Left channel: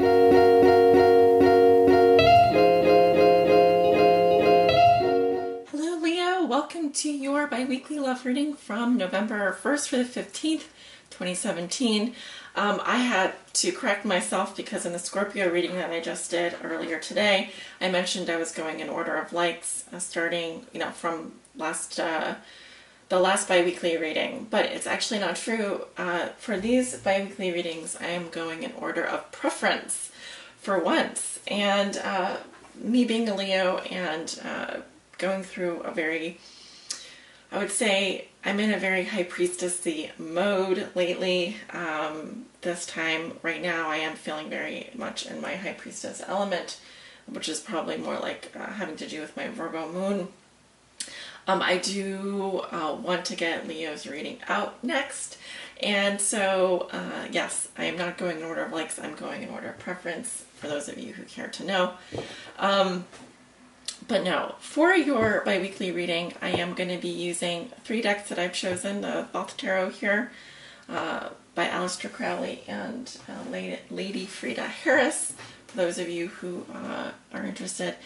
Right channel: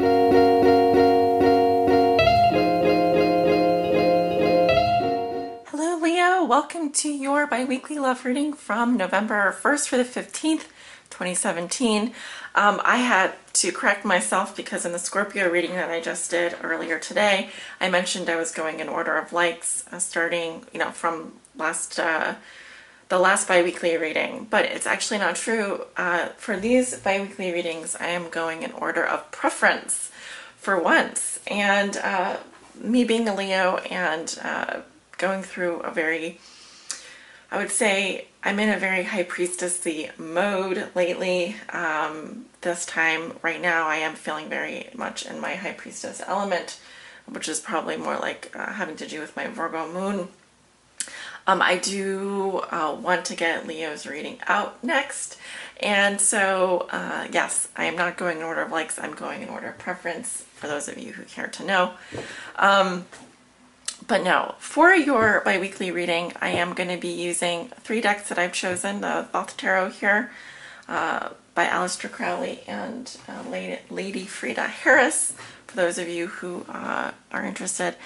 Hello Leo, welcome to your bi-weekly love reading from November 1st through the 15th, 2017. I had to correct myself because in the Scorpio reading that I just did earlier today, I mentioned I was going in order of likes starting, from the last bi-weekly reading, but it's actually not true. For these bi-weekly readings, I am going in order of preference for once. And me being a Leo and going through a very, I would say I'm in a very high priestessy mode lately. This time right now I am feeling very much in my high priestess element, which is probably more like having to do with my Virgo moon. I do want to get Leo's reading out next, and so yes, I am not going in order of likes, I'm going in order of preference for those of you who care to know. But no, for your bi-weekly reading, I am going to be using 3 decks that I've chosen, the Thoth Tarot here by Aleister Crowley and Lady Frida Harris, for those of you who are interested.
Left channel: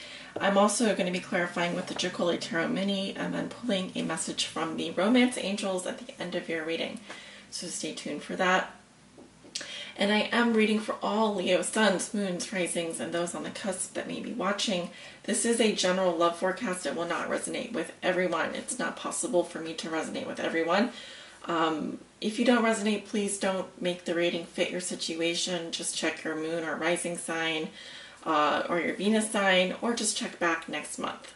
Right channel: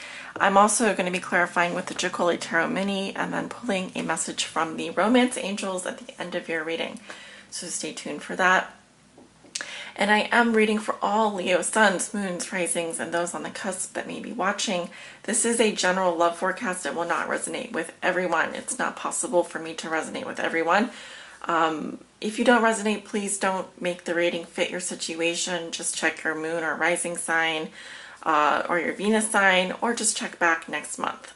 I'm also going to be clarifying with the Jacoli Tarot Mini and then pulling a message from the Romance Angels at the end of your reading. So stay tuned for that. And I am reading for all Leo suns, moons, risings, and those on the cusp that may be watching. This is a general love forecast. It will not resonate with everyone. It's not possible for me to resonate with everyone. If you don't resonate, please don't make the reading fit your situation. Just check your moon or rising sign or your Venus sign, or just check back next month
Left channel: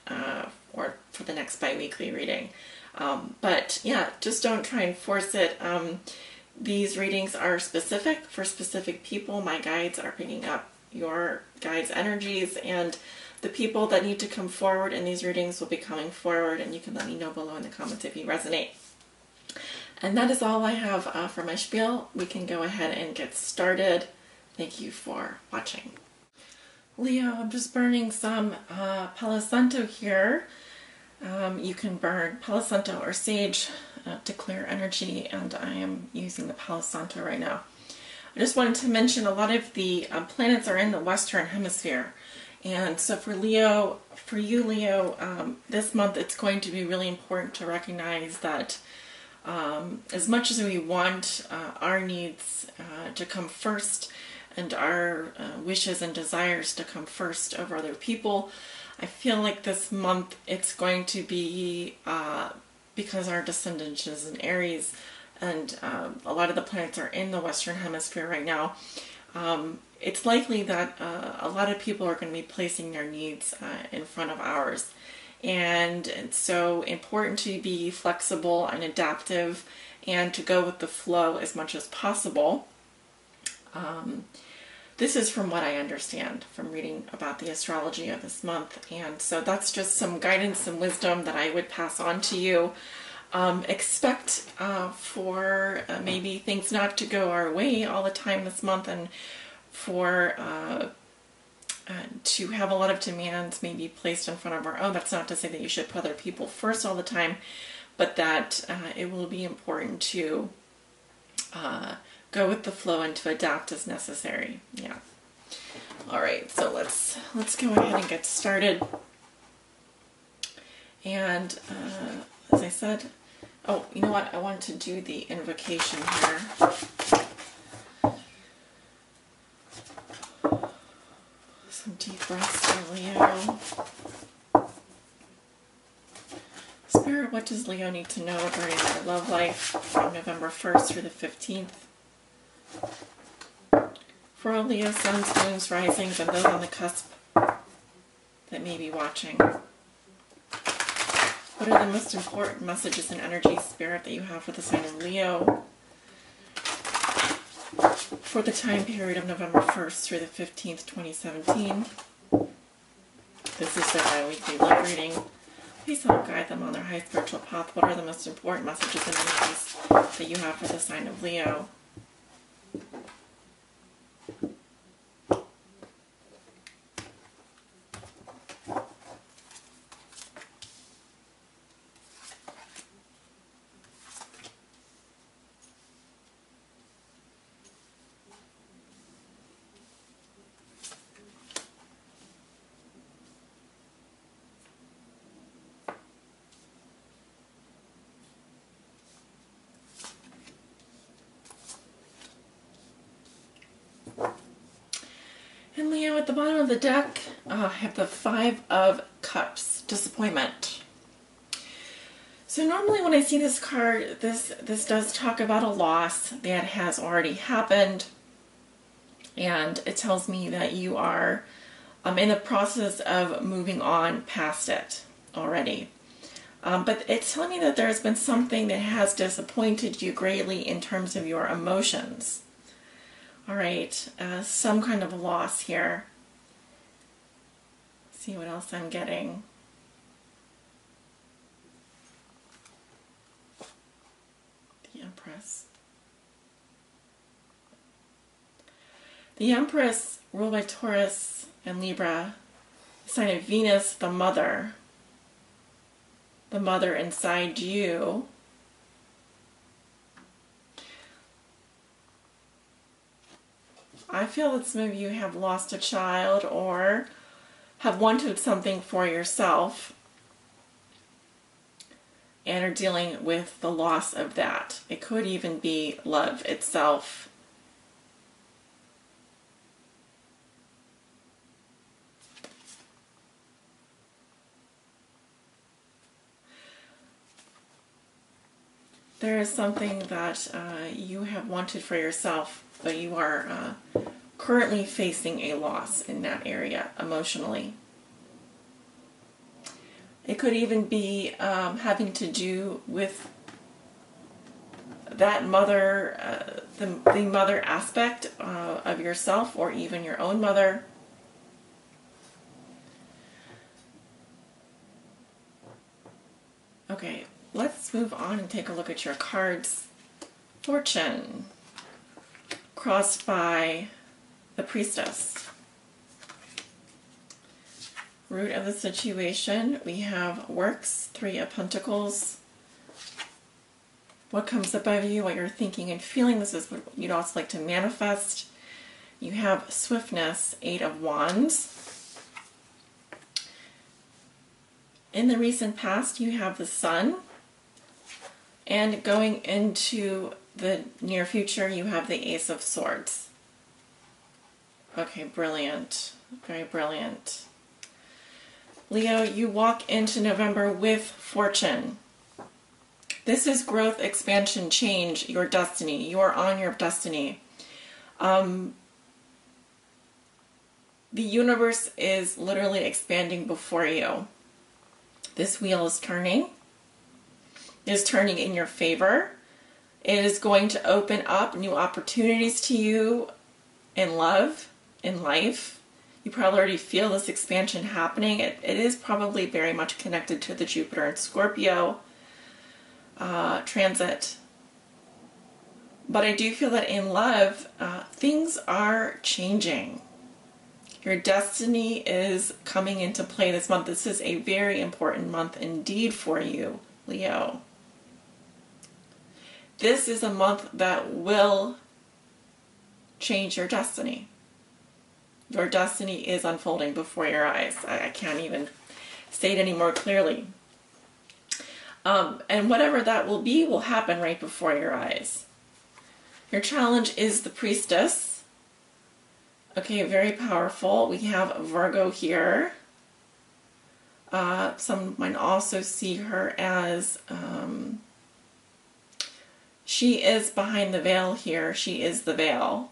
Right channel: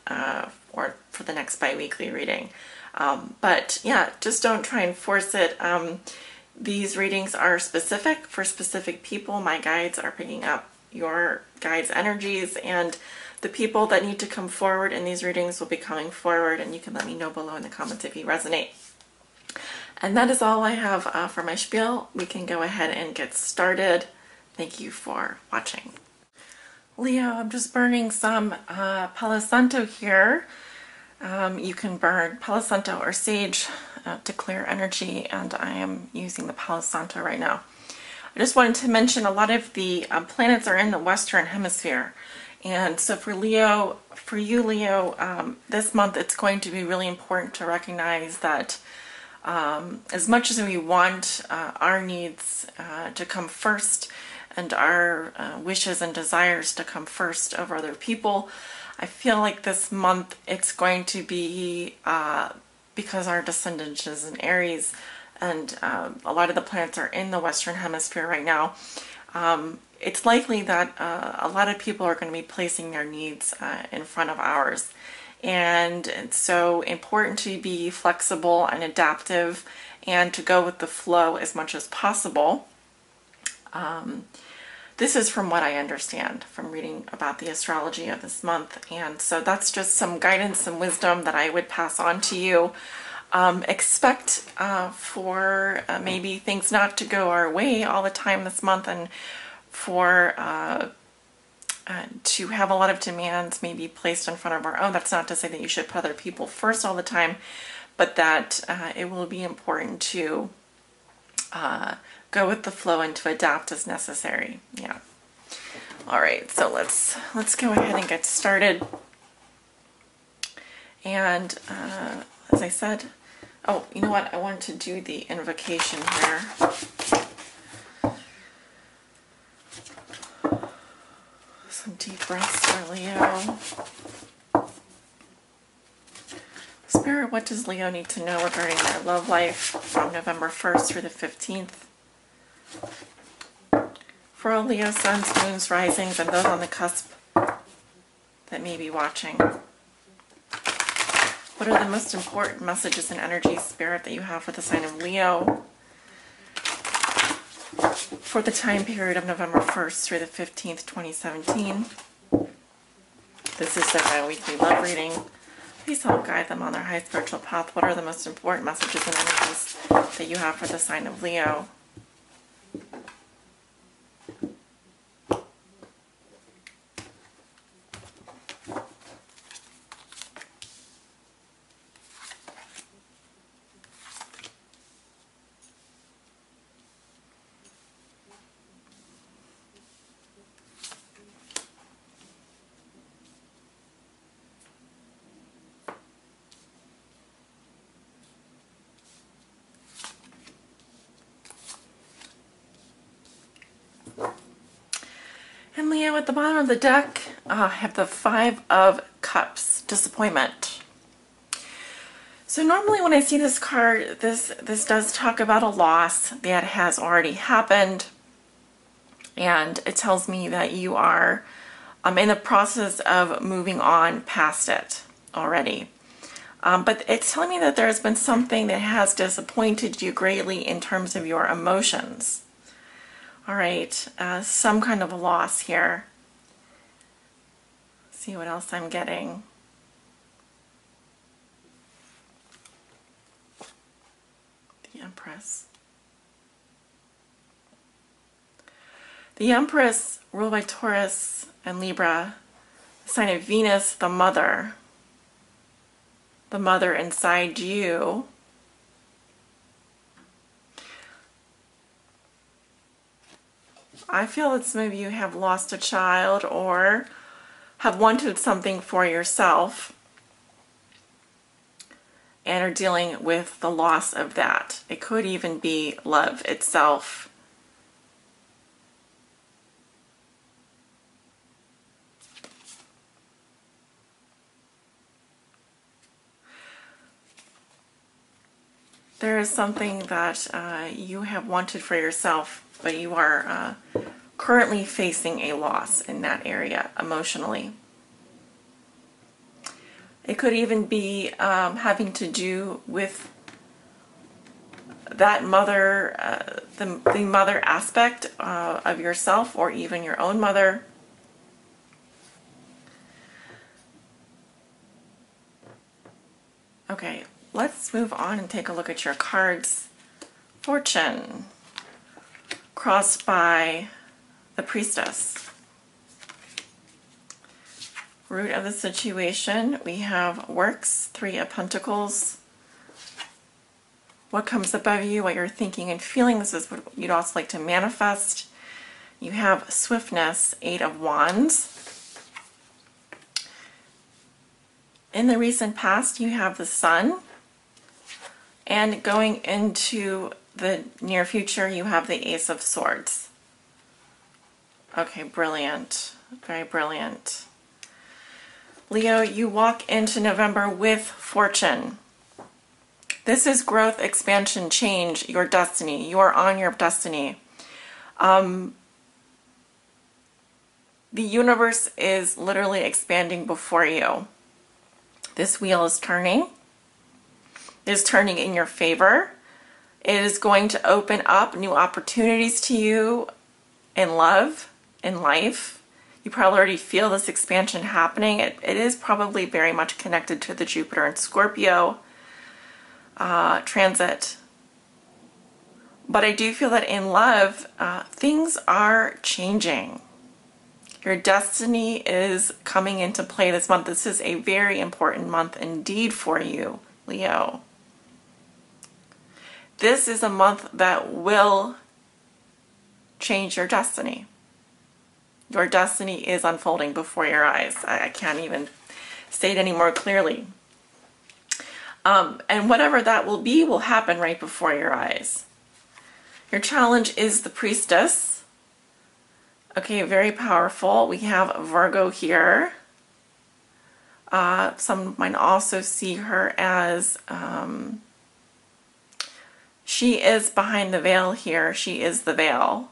or for the next bi-weekly reading. But yeah, just don't try and force it. These readings are specific for specific people. My guides are picking up your guides' energies, and the people that need to come forward in these readings will be coming forward, and you can let me know below in the comments if you resonate. And that is all I have for my spiel. We can go ahead and get started. Thank you for watching. Leo, I'm just burning some Palo Santo here. You can burn Palo Santo or sage to clear energy, and I am using the Palo Santo right now. I just wanted to mention a lot of the planets are in the Western Hemisphere, and so for you Leo, this month it's going to be really important to recognize that as much as we want our needs to come first and our wishes and desires to come first over other people, I feel like this month it's going to be, because our descendant is in Aries and a lot of the planets are in the Western Hemisphere right now, it's likely that a lot of people are going to be placing their needs in front of ours. And it's so important to be flexible and adaptive and to go with the flow as much as possible. This is from what I understand from reading about the astrology of this month, and so that's just some guidance and wisdom that I would pass on to you. Expect for maybe things not to go our way all the time this month, and for to have a lot of demands maybe placed in front of our own. That's not to say that you should put other people first all the time, but that it will be important to go with the flow and to adapt as necessary. Yeah. All right, so let's go ahead and get started. And as I said, oh, you know what? I wanted to do the invocation here. Some deep breaths for Leo. Spirit, what does Leo need to know regarding their love life from November 1st through the 15th? For all Leo suns, moons, risings, and those on the cusp that may be watching. What are the most important messages and energies, Spirit, that you have for the sign of Leo for the time period of November 1st through the 15th, 2017? This is the bi-weekly love reading. Please help guide them on their high spiritual path. What are the most important messages and energies that you have for the sign of Leo? at the bottom of the deck, I have the 5 of Cups, disappointment. So normally when I see this card, this does talk about a loss that has already happened, and it tells me that you are in the process of moving on past it already. But it's telling me that there has been something that has disappointed you greatly in terms of your emotions. All right, some kind of a loss here. Let's see what else I'm getting. The Empress. The Empress, ruled by Taurus and Libra, sign of Venus, the mother inside you. I feel that some of you have lost a child or have wanted something for yourself and are dealing with the loss of that. It could even be love itself. There is something that you have wanted for yourself, but you are currently facing a loss in that area emotionally. It could even be having to do with that mother, the mother aspect of yourself, or even your own mother. Okay, let's move on and take a look at your cards. Fortune, crossed by the Priestess. Root of the situation, we have Works, 3 of Pentacles. What comes above you, what you're thinking and feeling, this is what you'd also like to manifest. You have Swiftness, 8 of Wands. In the recent past, you have the Sun. And going into the near future, you have the Ace of Swords. Okay, brilliant. Very brilliant. Leo, you walk into November with fortune. This is growth, expansion, change, your destiny. You are on your destiny. The universe is literally expanding before you. This wheel is turning. It is turning in your favor. It is going to open up new opportunities to you in love, in life. You probably already feel this expansion happening. It is probably very much connected to the Jupiter and Scorpio transit. But I do feel that in love, things are changing. Your destiny is coming into play this month. This is a very important month indeed for you, Leo. This is a month that will change your destiny. Your destiny is unfolding before your eyes. I can't even say it any more clearly. And whatever that will be will happen right before your eyes. Your challenge is the Priestess. Okay, very powerful. We have Virgo here. Some might also see her as, she is behind the veil here. She is the veil.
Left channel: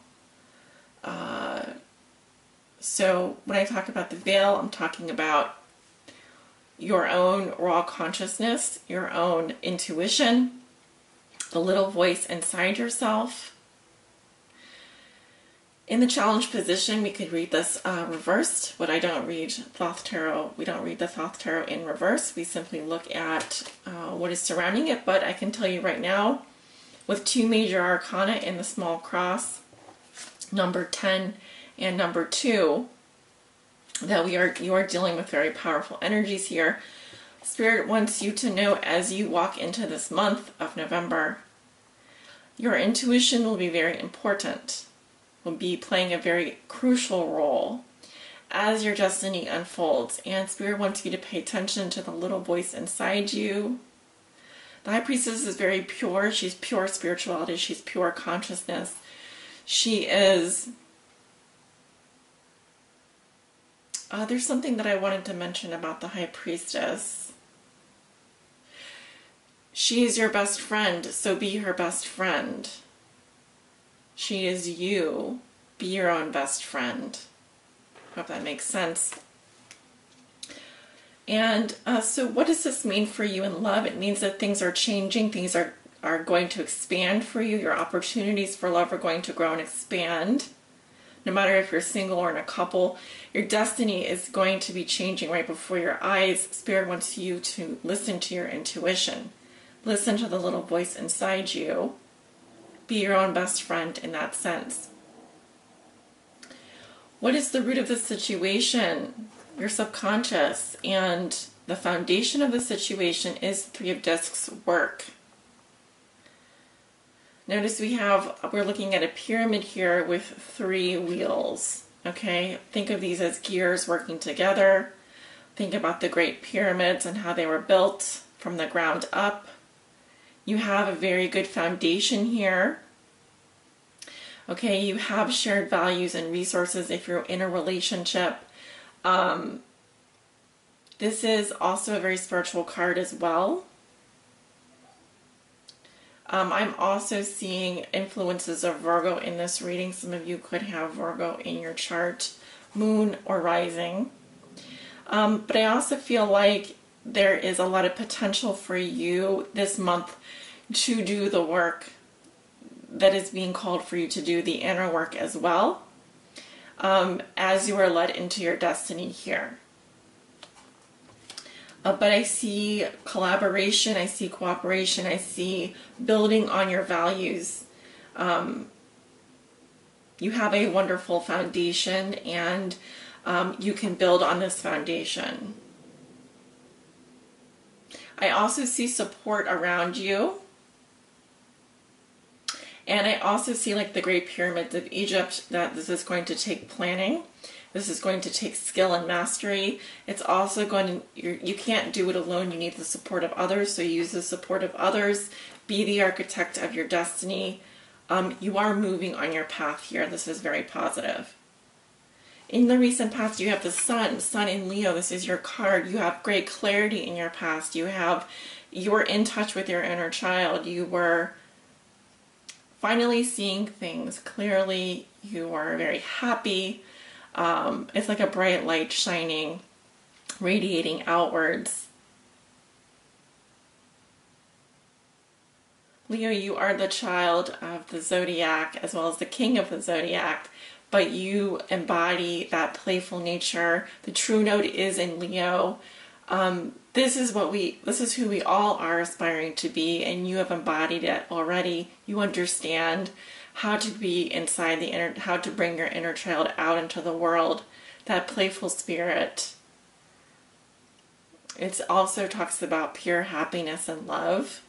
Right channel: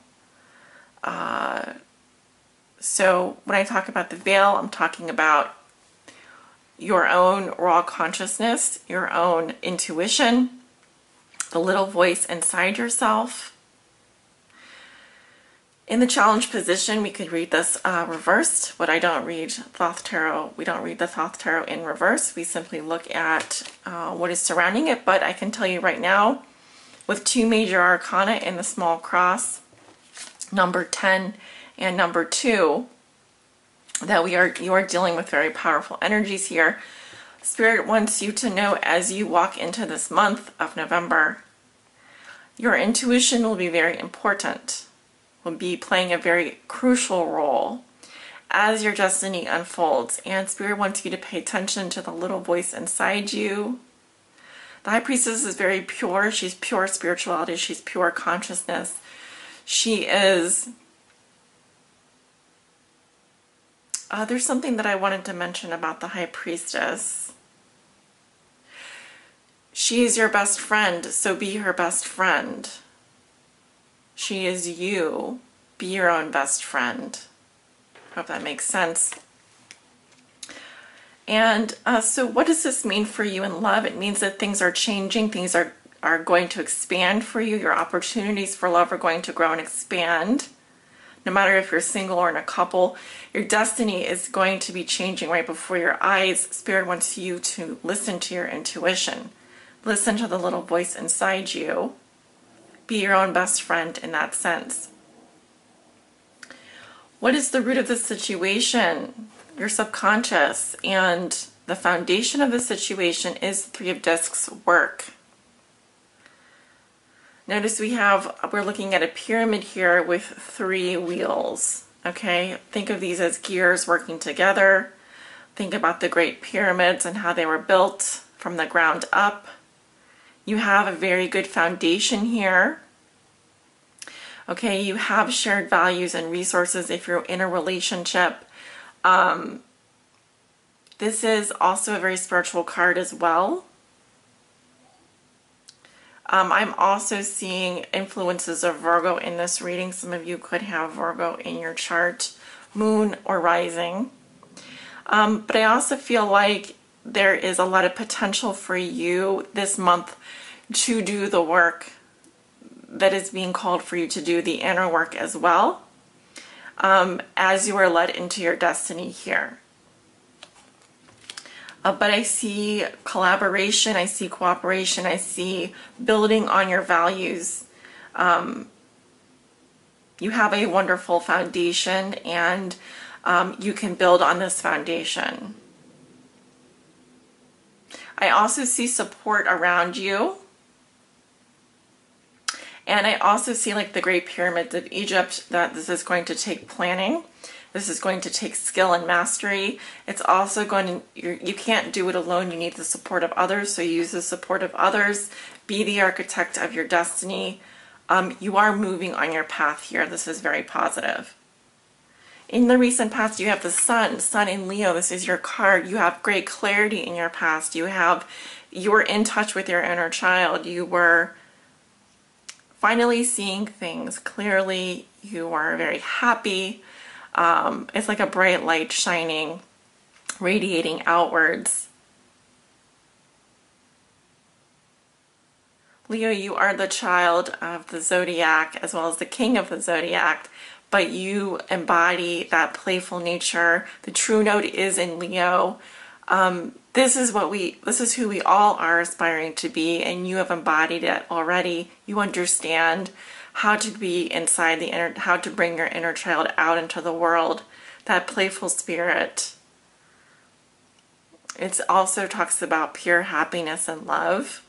So when I talk about the veil, I'm talking about your own raw consciousness, your own intuition, the little voice inside yourself. In the challenge position, we could read this reversed, but I don't read Thoth Tarot. We don't read the Thoth Tarot in reverse. We simply look at what is surrounding it, but I can tell you right now, with 2 major arcana in the small cross, number 10 and number 2, that you are dealing with very powerful energies here. Spirit wants you to know as you walk into this month of November, your intuition will be very important. Will be playing a very crucial role as your destiny unfolds, and Spirit wants you to pay attention to the little voice inside you. The High Priestess is very pure. She's pure spirituality. She's pure consciousness. She is There's something that I wanted to mention about the High Priestess. She is your best friend, so be her best friend. She is you. Be your own best friend. Hope that makes sense. And so what does this mean for you in love? It means that things are changing. Things are going to expand for you. Your opportunities for love are going to grow and expand. No matter if you're single or in a couple, your destiny is going to be changing right before your eyes. Spirit wants you to listen to your intuition. Listen to the little voice inside you. Be your own best friend in that sense. What is the root of the situation? Your subconscious. And the foundation of the situation is Three of Discs work. Notice we're looking at a pyramid here with 3 wheels. Okay, think of these as gears working together. Think about the Great Pyramids and how they were built from the ground up. You have a very good foundation here. Okay, you have shared values and resources if you're in a relationship. This is also a very spiritual card as well. I'm also seeing influences of Virgo in this reading. Some of you could have Virgo in your chart, moon or rising. But I also feel like there is a lot of potential for you this month to do the work that is being called for you to do, the inner work as well, as you are led into your destiny here. But I see collaboration, I see cooperation, I see building on your values. You have a wonderful foundation, and you can build on this foundation. I also see support around you. And I also see, like the Great Pyramids of Egypt, that this is going to take planning. This is going to take skill and mastery. It's also going to, you can't do it alone. You need the support of others. So use the support of others. Be the architect of your destiny. You are moving on your path here. This is very positive. In the recent past, you have the Sun in Leo. This is your card. You have great clarity in your past. You're in touch with your inner child. You were finally seeing things clearly. You are very happy. It's like a bright light shining, radiating outwards. Leo, you are the child of the zodiac as well as the king of the zodiac, but you embody that playful nature. The true note is in Leo. This is who we all are aspiring to be, and you have embodied it already. You understand how to be inside how to bring your inner child out into the world, that playful spirit. It also talks about pure happiness and love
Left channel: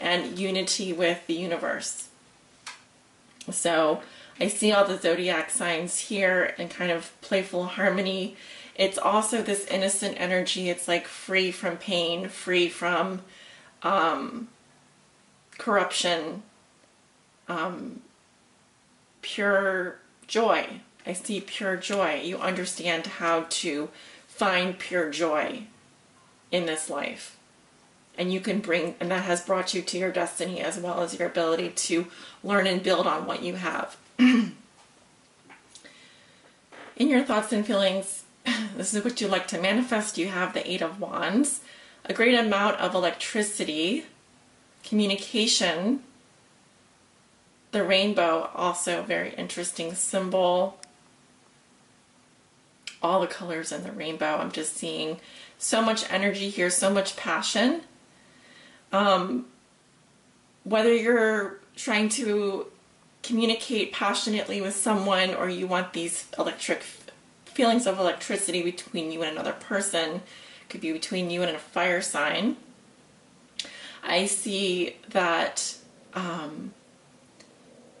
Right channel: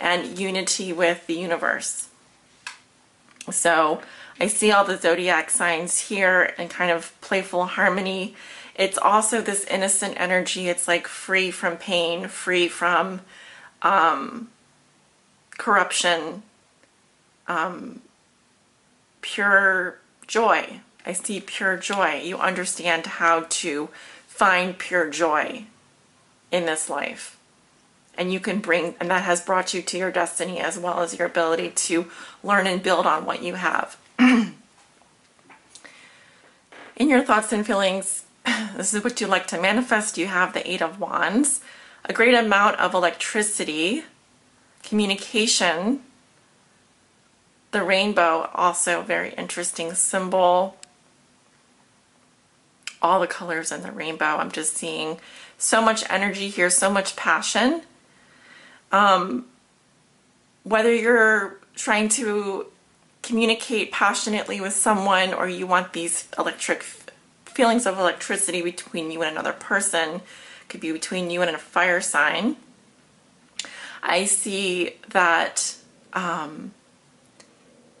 and unity with the universe. So I see all the zodiac signs here and kind of playful harmony. It's also this innocent energy. It's like free from pain, free from corruption, pure joy. I see pure joy. You understand how to find pure joy in this life. And you can and that has brought you to your destiny as well as your ability to learn and build on what you have. In your thoughts and feelings, this is what you like to manifest. You have the 8 of Wands, a great amount of electricity, communication. The rainbow, also a very interesting symbol. All the colors in the rainbow. I'm just seeing so much energy here, so much passion. Whether you're trying to communicate passionately with someone or you want these electric feelings of electricity between you and another person, could be between you and a fire sign. I see that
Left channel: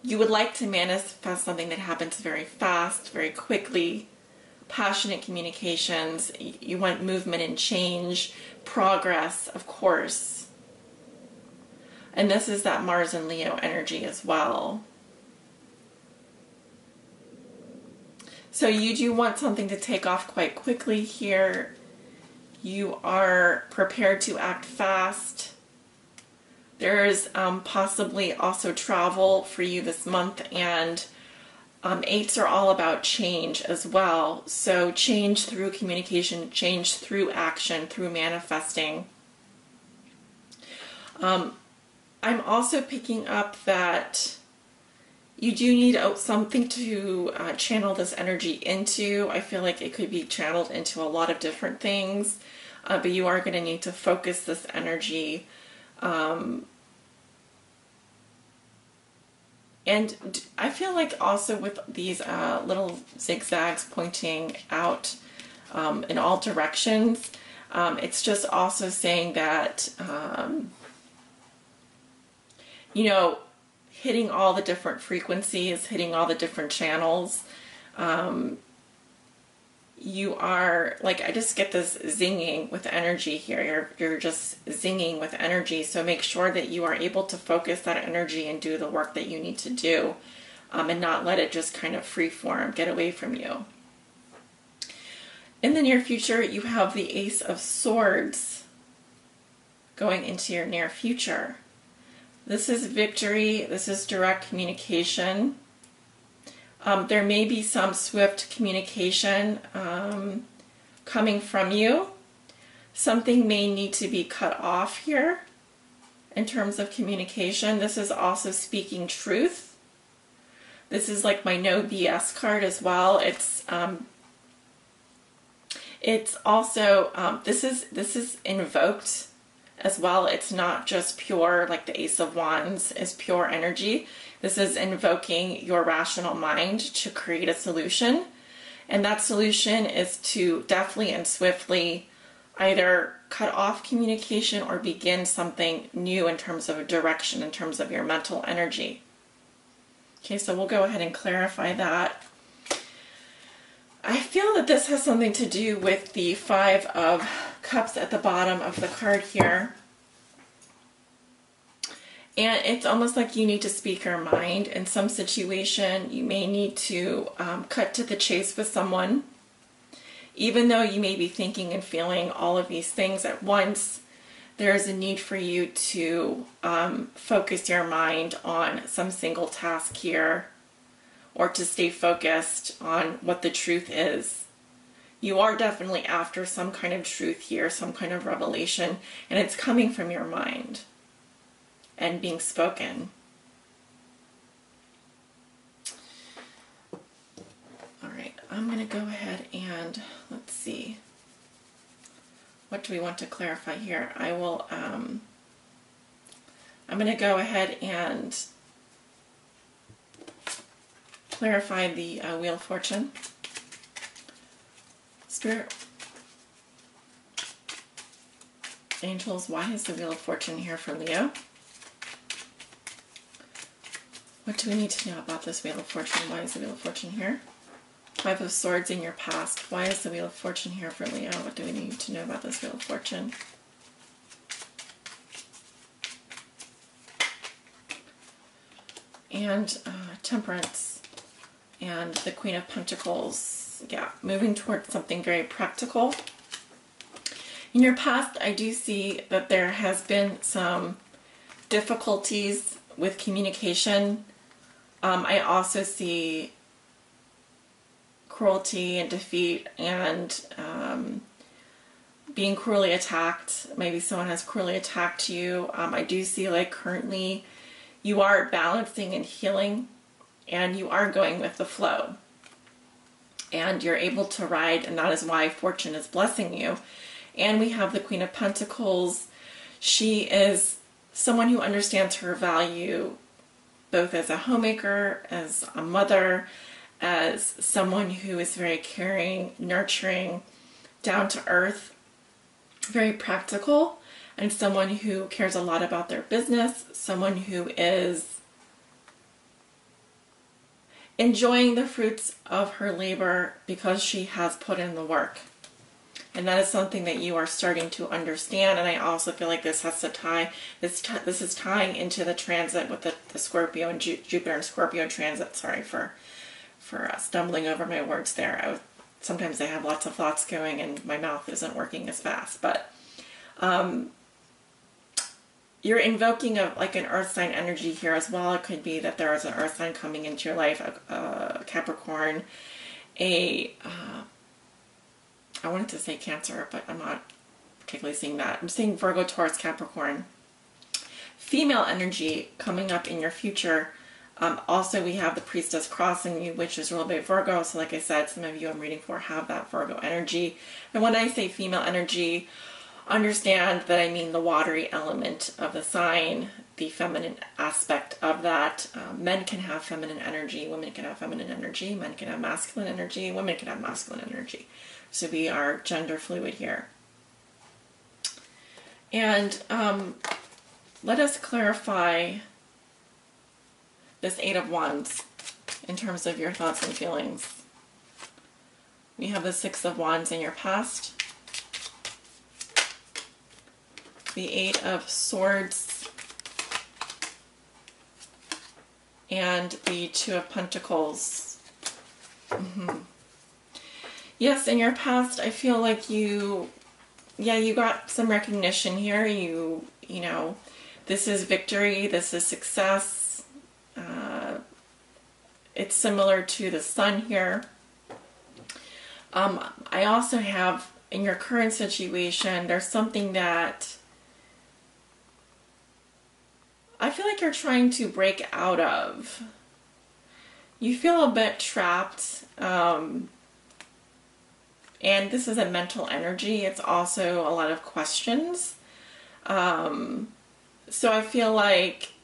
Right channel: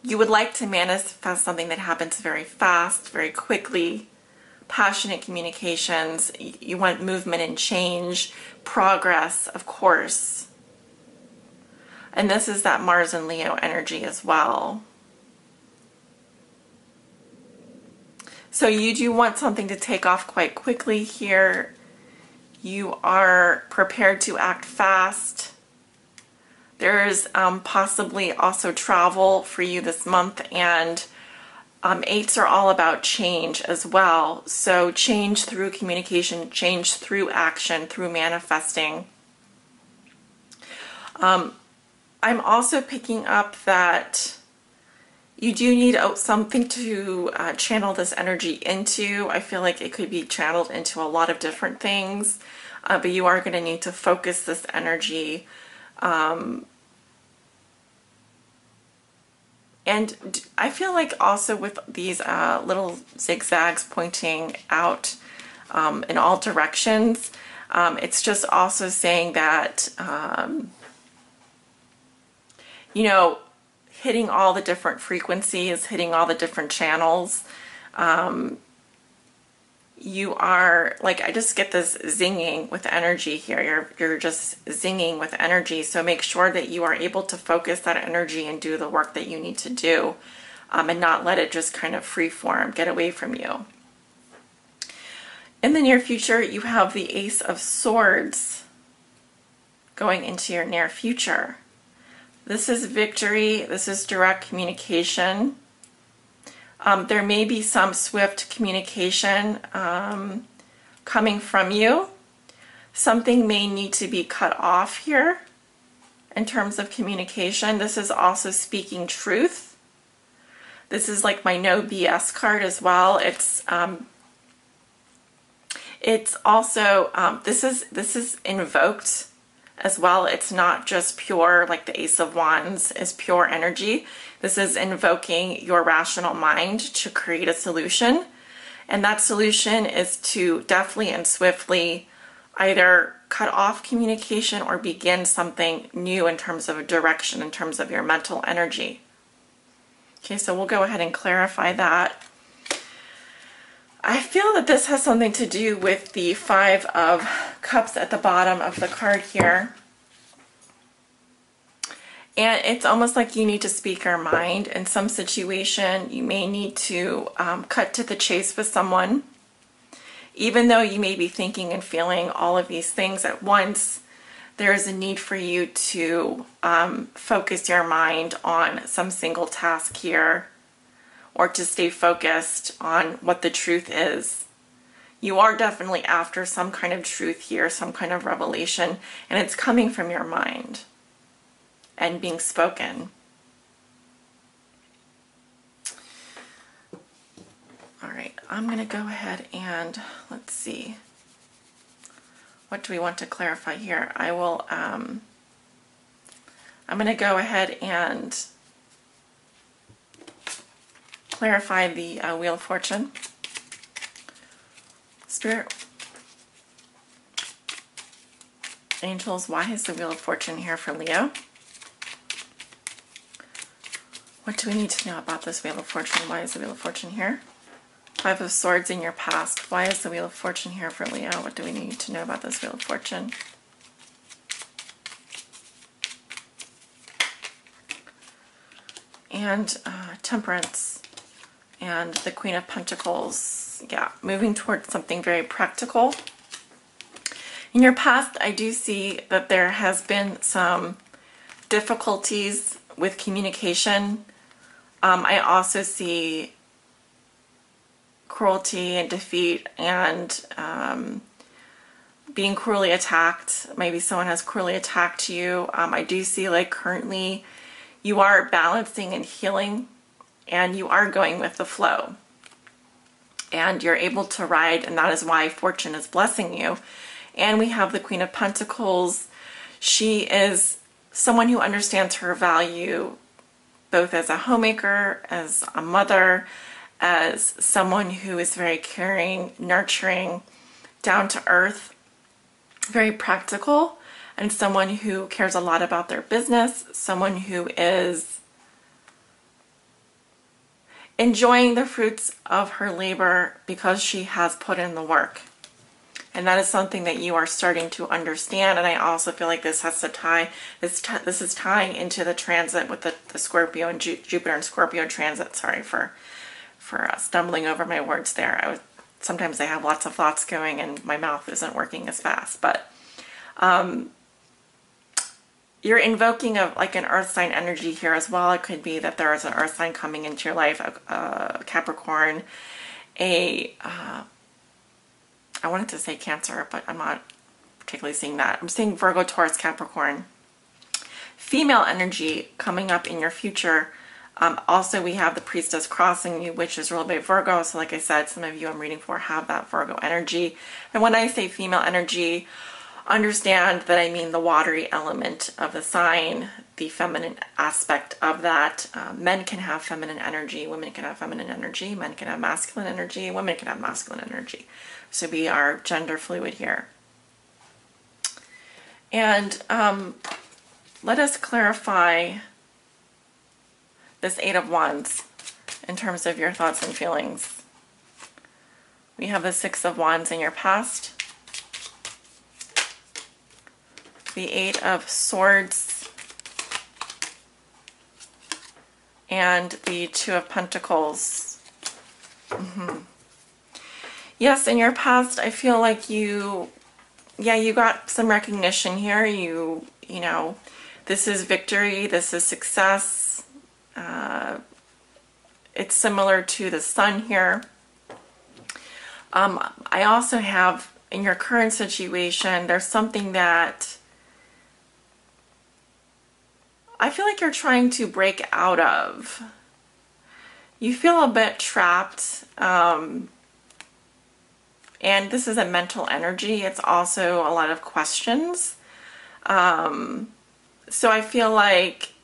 you would like to manifest something that happens very fast, very quickly, passionate communications. You want movement and change, progress, of course. And this is that Mars and Leo energy as well. So you do want something to take off quite quickly here. You are prepared to act fast. There's possibly also travel for you this month, and eights are all about change as well. So change through communication, change through action, through manifesting. I'm also picking up that you do need something to channel this energy into. I feel like it could be channeled into a lot of different things, but you are going to need to focus this energy. And I feel like also with these little zigzags pointing out in all directions, it's just also saying that, you know, hitting all the different frequencies, hitting all the different channels. You are, like, I just get this zinging with energy here. You're just zinging with energy. So make sure that you are able to focus that energy and do the work that you need to do, and not let it just kind of freeform, get away from you. In the near future, you have the Ace of Swords going into your near future. This is victory. This is direct communication. There may be some swift communication coming from you. Something may need to be cut off here in terms of communication. This is also speaking truth. This is like my no BS card as well. It's also this is invoked as well. It's not just pure, like the Ace of Wands is pure energy. This is invoking your rational mind to create a solution. And that solution is to deftly and swiftly either cut off communication or begin something new in terms of a direction, in terms of your mental energy. Okay, so we'll go ahead and clarify that. I feel that this has something to do with the Five of Cups at the bottom of the card here. And it's almost like you need to speak your mind. In some situation, you may need to cut to the chase with someone. Even though you may be thinking and feeling all of these things at once, there is a need for you to focus your mind on some single task here, or to stay focused on what the truth is. You are definitely after some kind of truth here, some kind of revelation, and it's coming from your mind and being spoken. All right, I'm going to go ahead and let's see. What do we want to clarify here? I'm going to go ahead and clarify the Wheel of Fortune. Spirit, angels, why is the Wheel of Fortune here for Leo? What do we need to know about this Wheel of Fortune? Why is the Wheel of Fortune here? Five of Swords in your past. Why is the Wheel of Fortune here for Leo? What do we need to know about this Wheel of Fortune? And Temperance. And the Queen of Pentacles. Yeah, moving towards something very practical. In your past, I do see that there has been some difficulties with communication. I also see cruelty and defeat and being cruelly attacked. Maybe someone has cruelly attacked you. I do see like currently you are balancing and healing, and you are going with the flow. And you're able to ride, and that is why fortune is blessing you. And we have the Queen of Pentacles. She is someone who understands her value, both as a homemaker, as a mother, as someone who is very caring, nurturing, down to earth, very practical, and someone who cares a lot about their business, someone who is enjoying the fruits of her labor because she has put in the work. And that is something that you are starting to understand. And I also feel like this has to tie, this is tying into the transit with the Scorpio and Jupiter and Scorpio transit, sorry, for for stumbling over my words there. Sometimes I have lots of thoughts going and my mouth isn't working as fast, but you're invoking like an earth sign energy here as well. It could be that there is an earth sign coming into your life, a Capricorn, I wanted to say Cancer, but I'm not particularly seeing that. I'm seeing Virgo, Taurus, Capricorn. Female energy coming up in your future. Also, we have the Priestess crossing you, which is ruled by Virgo. So like I said, some of you I'm reading for have that Virgo energy. And when I say female energy, understand that I mean the watery element of the sign, the feminine aspect of that. Men can have feminine energy, women can have feminine energy, men can have masculine energy, women can have masculine energy. So we are gender fluid here. And let us clarify this Eight of Wands in terms of your thoughts and feelings. We have the Six of Wands in your past, the Eight of Swords, and the Two of Pentacles. Yes, in your past, I feel like you got some recognition here. You know, this is victory, this is success. It's similar to the Sun here. I also have, in your current situation, there's something that I feel like you're trying to break out of. You feel a bit trapped, and this is a mental energy. It's also a lot of questions. So I feel like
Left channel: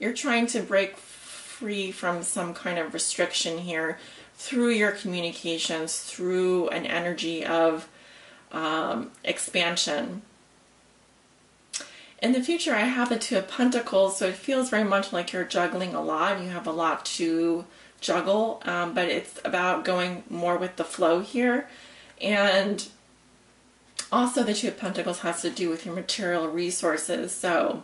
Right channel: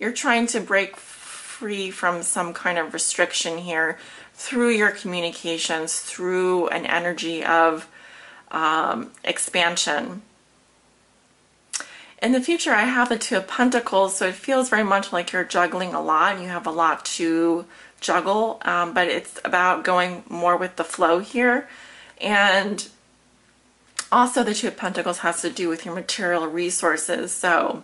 you're trying to break free from some kind of restriction here through your communications, through an energy of expansion. In the future, I have the Two of Pentacles, so it feels very much like you're juggling a lot and you have a lot to juggle, but it's about going more with the flow here. And also the Two of Pentacles has to do with your material resources, so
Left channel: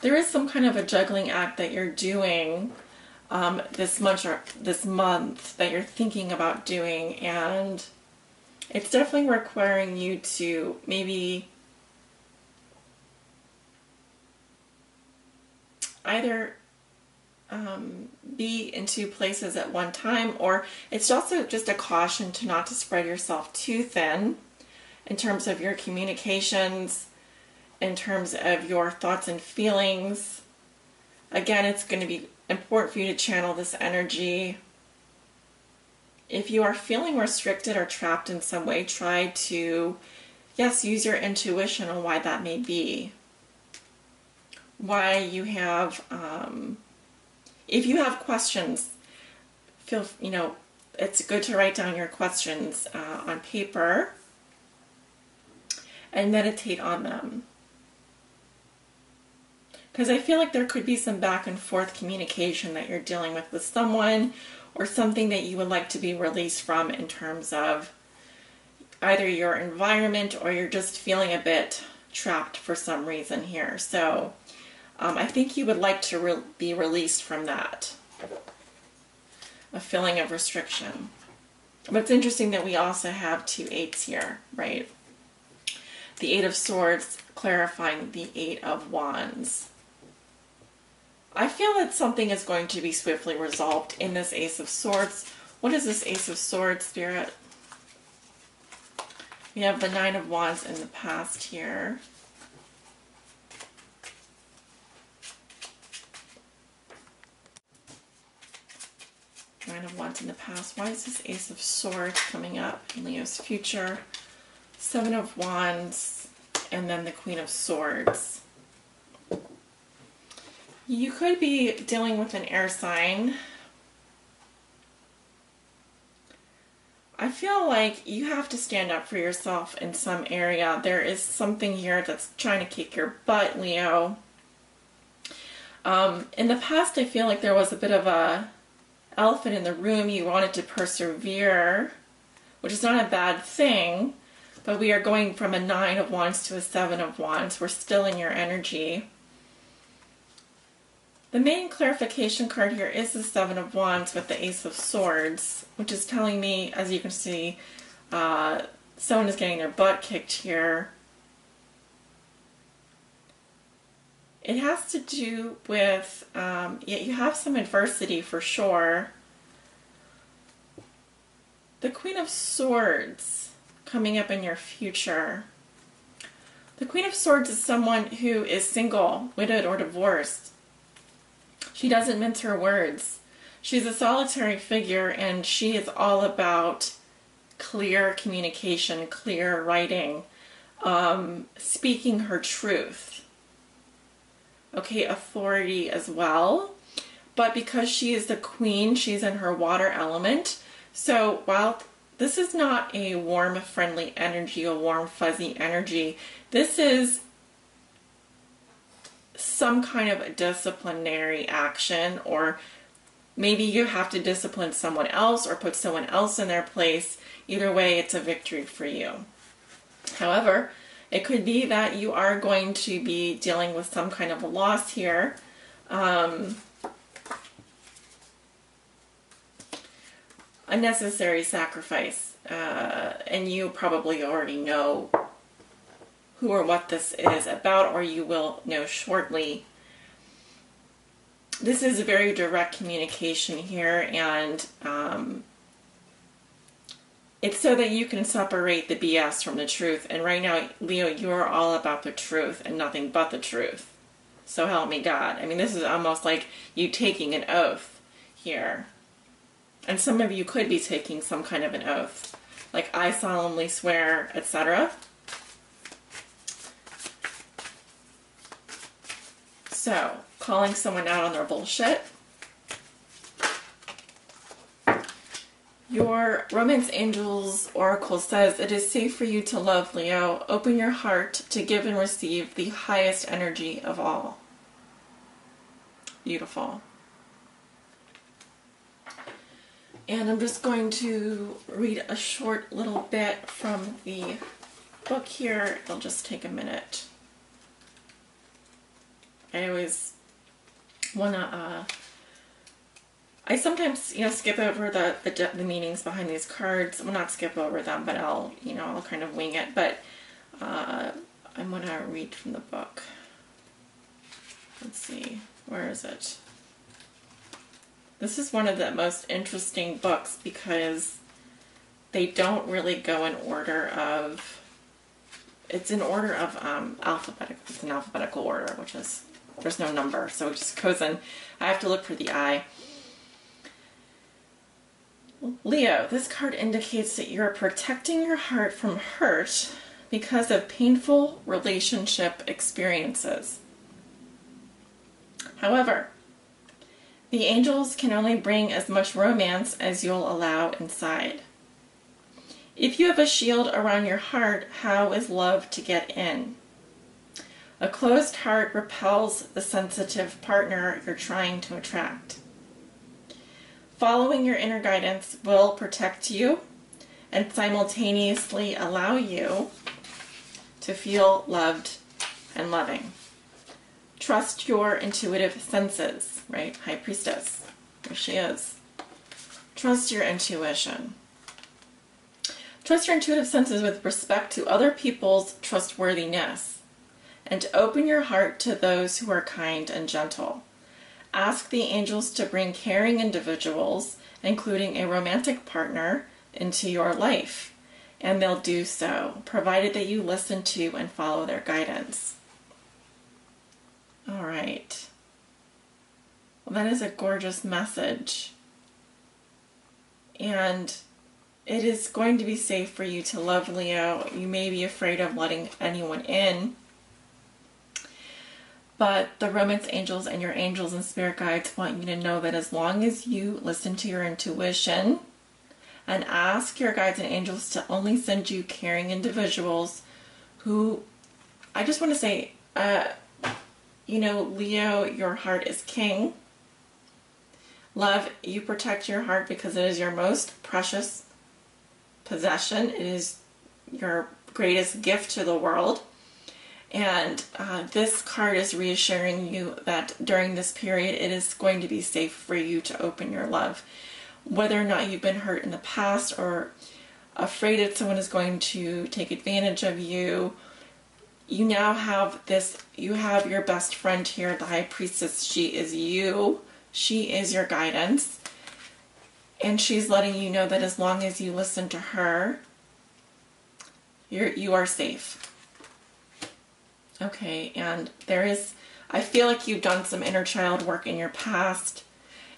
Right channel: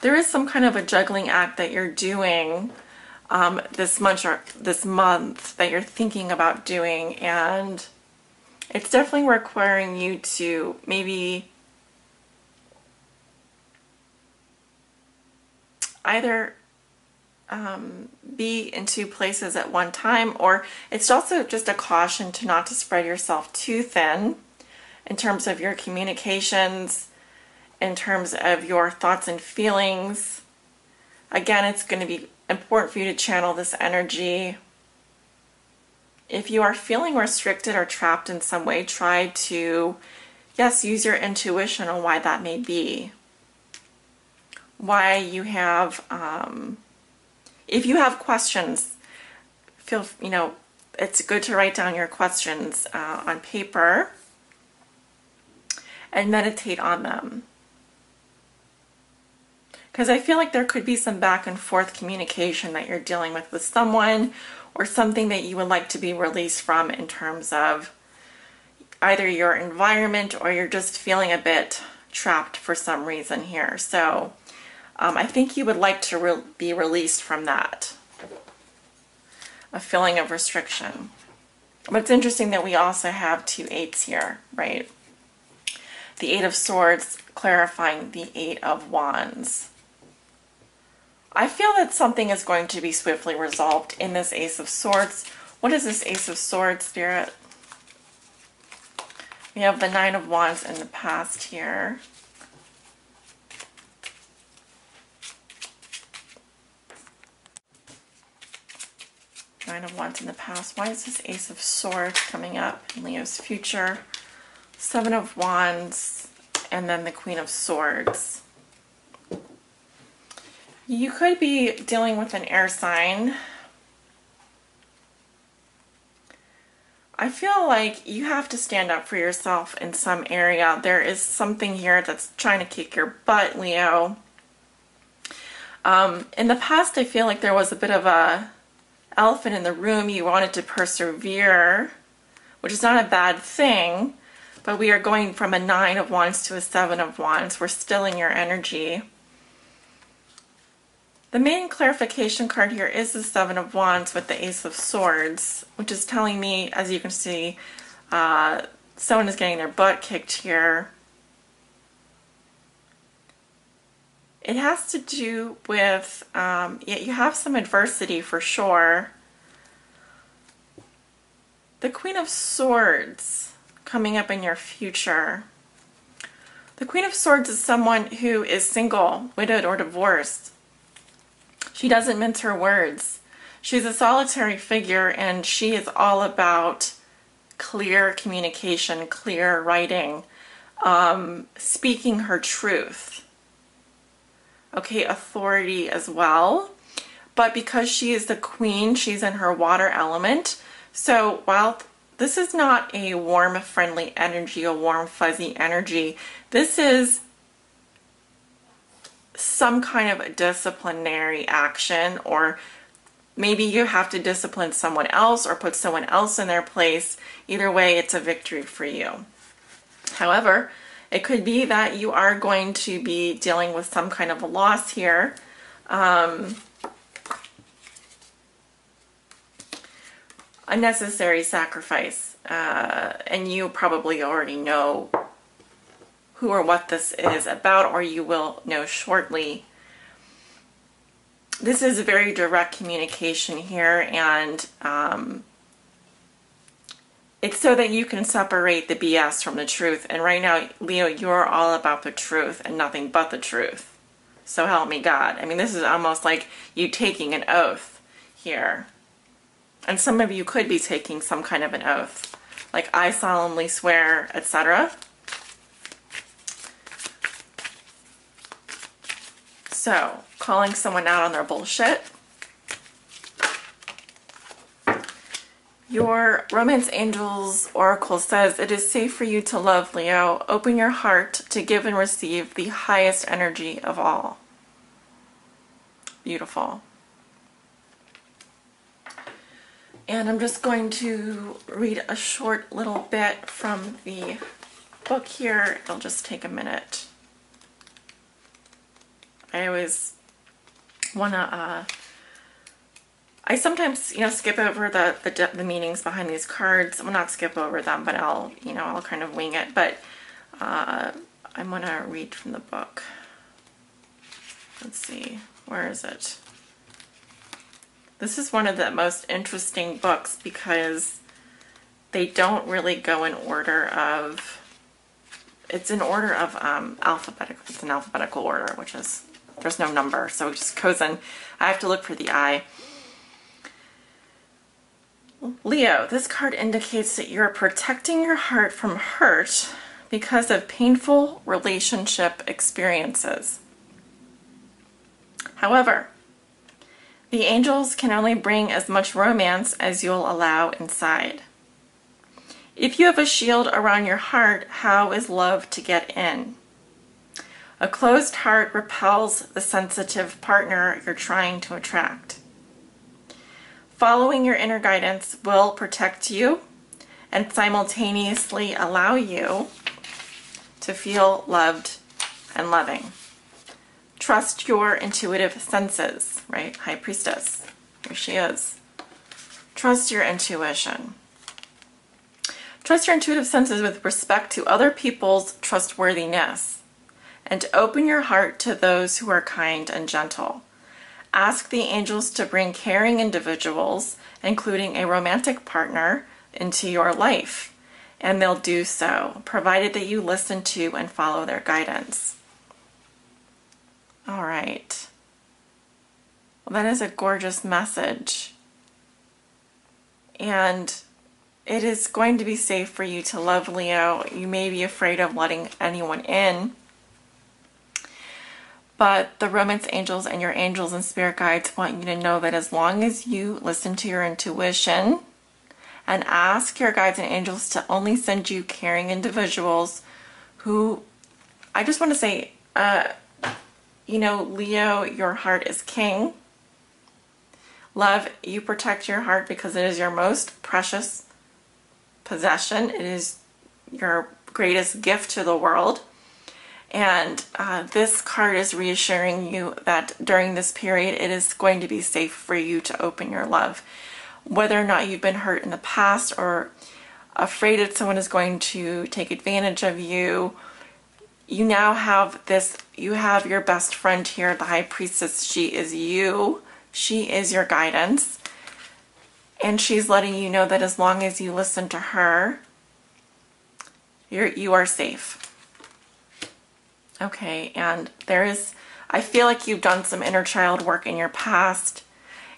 there is some kind of a juggling act that you're doing this month that you're thinking about doing, and it's definitely requiring you to maybe either be in two places at one time, or it's also just a caution to not to spread yourself too thin in terms of your communications, in terms of your thoughts and feelings. Again, it's going to be important for you to channel this energy. If you are feeling restricted or trapped in some way, try to, yes, use your intuition on why that may be. Why you have, if you have questions, it's good to write down your questions on paper and meditate on them. Because I feel like there could be some back and forth communication that you're dealing with someone, or something that you would like to be released from in terms of either your environment, or you're just feeling a bit trapped for some reason here. So I think you would like to be released from that, a feeling of restriction. But it's interesting that we also have two eights here, right? The Eight of Swords clarifying the Eight of Wands. I feel that something is going to be swiftly resolved in this Ace of Swords. What is this Ace of Swords, Spirit? We have the Nine of Wands in the past here. Nine of Wands in the past. Why is this Ace of Swords coming up in Leo's future? Seven of Wands, and then the Queen of Swords. You could be dealing with an air sign. I feel like you have to stand up for yourself in some area. There is something here that's trying to kick your butt, Leo. In the past, I feel like there was a bit of a elephant in the room. You wanted to persevere, which is not a bad thing, but we are going from a Nine of Wands to a Seven of Wands. We're still in your energy. The main clarification card here is the Seven of Wands with the Ace of Swords, which is telling me, as you can see, someone is getting their butt kicked here. It has to do with, you have some adversity for sure. The Queen of Swords coming up in your future. The Queen of Swords is someone who is single, widowed, or divorced. She doesn't mince her words. She's a solitary figure, and she is all about clear communication, clear writing, speaking her truth. Okay, authority as well. But because she is the queen, she's in her water element. So while this is not a warm, friendly energy, a warm, fuzzy energy, this is some kind of disciplinary action, or maybe you have to discipline someone else or put someone else in their place. Either way, it's a victory for you. However, it could be that you are going to be dealing with some kind of a loss here. Unnecessary sacrifice. And you probably already know who or what this is about, or you will know shortly. This is a very direct communication here, and it's so that you can separate the BS from the truth. And right now, Leo, you're all about the truth and nothing but the truth. So help me God. I mean, this is almost like you taking an oath here. And some of you could be taking some kind of an oath, like I solemnly swear, etc. So, calling someone out on their bullshit. Your Romance Angels Oracle says, it is safe for you to love, Leo. Open your heart to give and receive the highest energy of all. Beautiful. And I'm just going to read a short little bit from the book here. It'll just take a minute. I always want to, I sometimes, skip over the meanings behind these cards. Well, not skip over them, but I'll kind of wing it. But I'm going to read from the book. Let's see, where is it? This is one of the most interesting books because they don't really go in order of, it's in order of alphabetical, it's an alphabetical order, which is, there's no number, so it just goes in. I have to look for the I. Leo, this card indicates that you're protecting your heart from hurt because of painful relationship experiences. However, the angels can only bring as much romance as you'll allow inside. If you have a shield around your heart, how is love to get in? A closed heart repels the sensitive partner you're trying to attract. Following your inner guidance will protect you and simultaneously allow you to feel loved and loving. Trust your intuitive senses, right? High Priestess, here she is. Trust your intuition. Trust your intuitive senses with respect to other people's trustworthiness, and open your heart to those who are kind and gentle. Ask the angels to bring caring individuals, including a romantic partner, into your life, and they'll do so, provided that you listen to and follow their guidance. All right. Well, that is a gorgeous message. And it is going to be safe for you to love, Leo. You may be afraid of letting anyone in, but the romance angels and your angels and spirit guides want you to know that as long as you listen to your intuition and ask your guides and angels to only send you caring individuals who, I just want to say, Leo, your heart is king. Love, you protect your heart because it is your most precious possession. It is your greatest gift to the world. And this card is reassuring you that during this period, it is going to be safe for you to open your love. Whether or not you've been hurt in the past or afraid that someone is going to take advantage of you, you now have this, you have your best friend here, the High Priestess. She is you. She is your guidance. And she's letting you know that as long as you listen to her, you are safe. Okay, and I feel like you've done some inner child work in your past,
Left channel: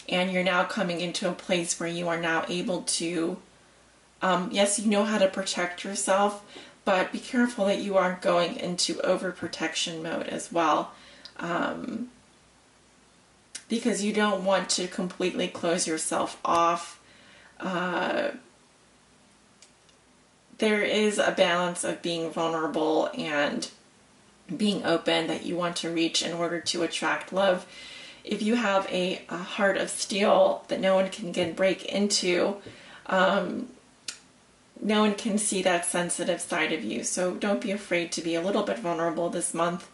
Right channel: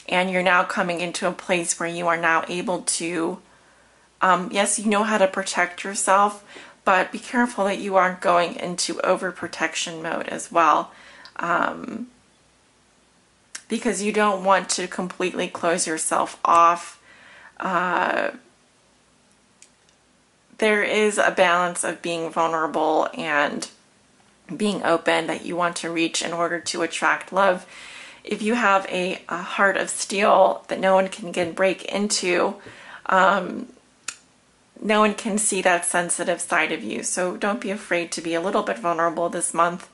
and you're now coming into a place where you are now able to, yes, you know how to protect yourself, but be careful that you aren't going into overprotection mode as well, because you don't want to completely close yourself off. There is a balance of being vulnerable and being open that you want to reach in order to attract love. If you have a heart of steel that no one can break into, no one can see that sensitive side of you. So don't be afraid to be a little bit vulnerable this month.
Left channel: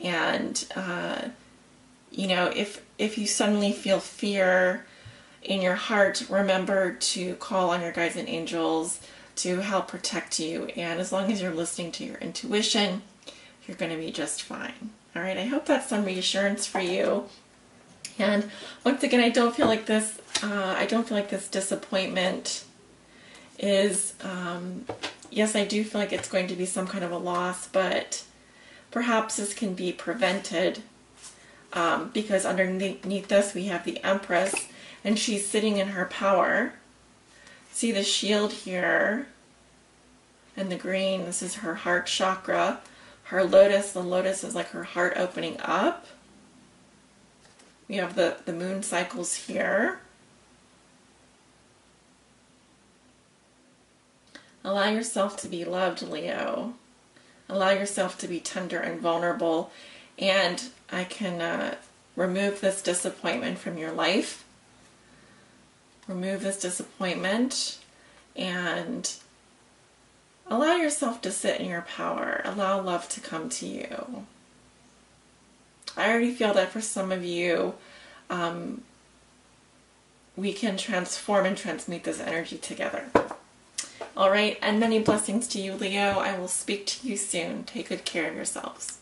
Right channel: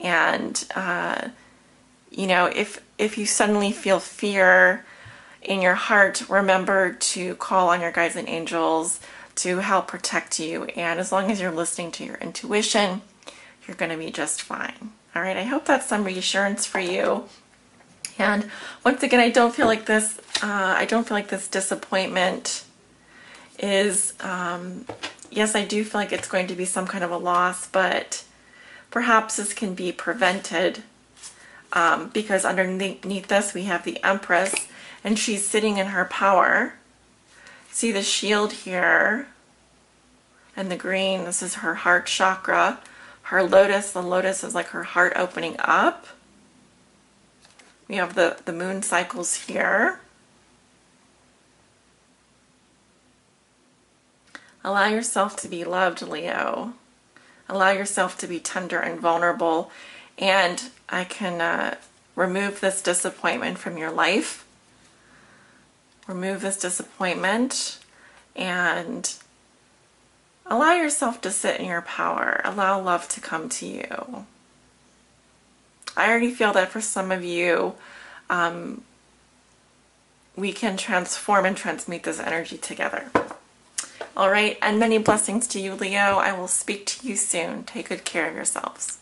And, you know, if you suddenly feel fear in your heart, remember to call on your guides and angels to help protect you. And as long as you're listening to your intuition, you're going to be just fine. All right, I hope that's some reassurance for you. And once again, I don't feel like this disappointment is, yes, I do feel like it's going to be some kind of a loss, but perhaps this can be prevented, because underneath this we have the Empress, and she's sitting in her power. See the shield here and the green, this is her heart chakra. Her lotus, the lotus is like her heart opening up. We have the moon cycles here. Allow yourself to be loved, Leo. Allow yourself to be tender and vulnerable. And I can remove this disappointment from your life. Remove this disappointment and allow yourself to sit in your power. Allow love to come to you. I already feel that for some of you, we can transform and transmute this energy together. All right, and many blessings to you, Leo. I will speak to you soon. Take good care of yourselves.